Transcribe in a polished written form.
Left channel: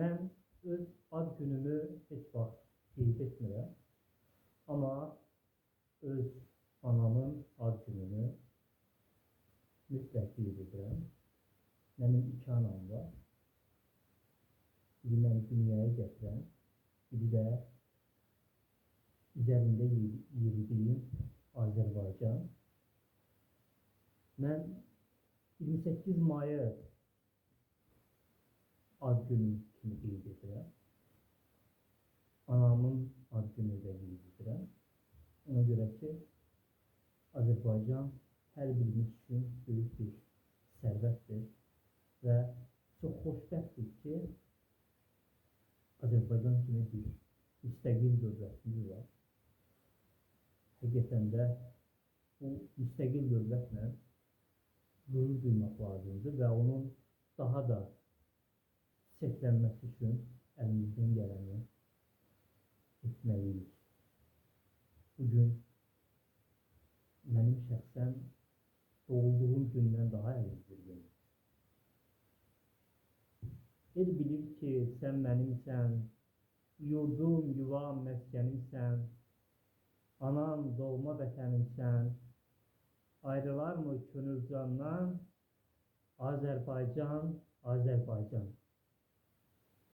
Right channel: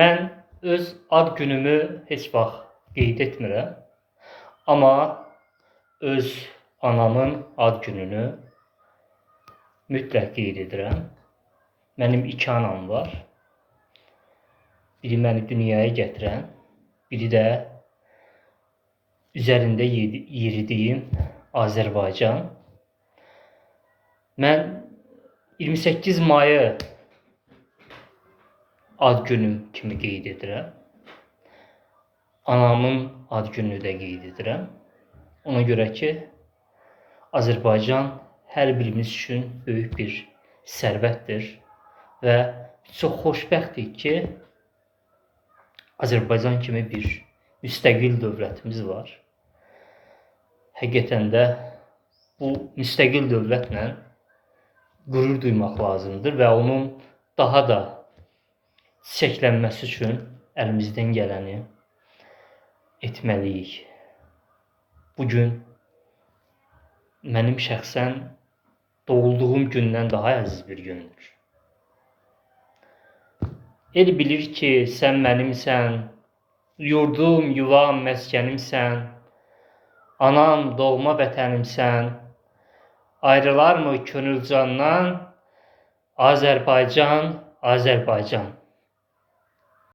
Mən öz ad günümü heç vaxt qeyd etmirəm, amma öz anamın ad gününü mütləq qeyd edirəm. Mənim iki anam var. Biri məni dünyaya gətirən, biri də üzərində yeridiyim Azərbaycan. Mən 28 mayı ad günüm kimi qeyd edirəm. Anamın ad gününü də qeyd edirəm. Ona görə ki, Azərbaycan hər birimiz üçün böyük bir sərvətdir və çox xoşbəxtik ki, Azərbaycan kimi bir müstəqil dövlətimiz var. Həqiqətən də bu müstəqil dövlətlə qürur duymaq lazımdır və onun daha da çiçəklənməsi üçün əlimizdən gələni etməliyik. Bugün mənim şəxsən doğulduğum gündən daha əziz bir gündür. El bilir ki, sən mənimsən, yurdum, yuvam, məskənimsən, anam, doğma vətənimsən, ayrılarmı könül candan, Azərbaycan, Azərbaycan.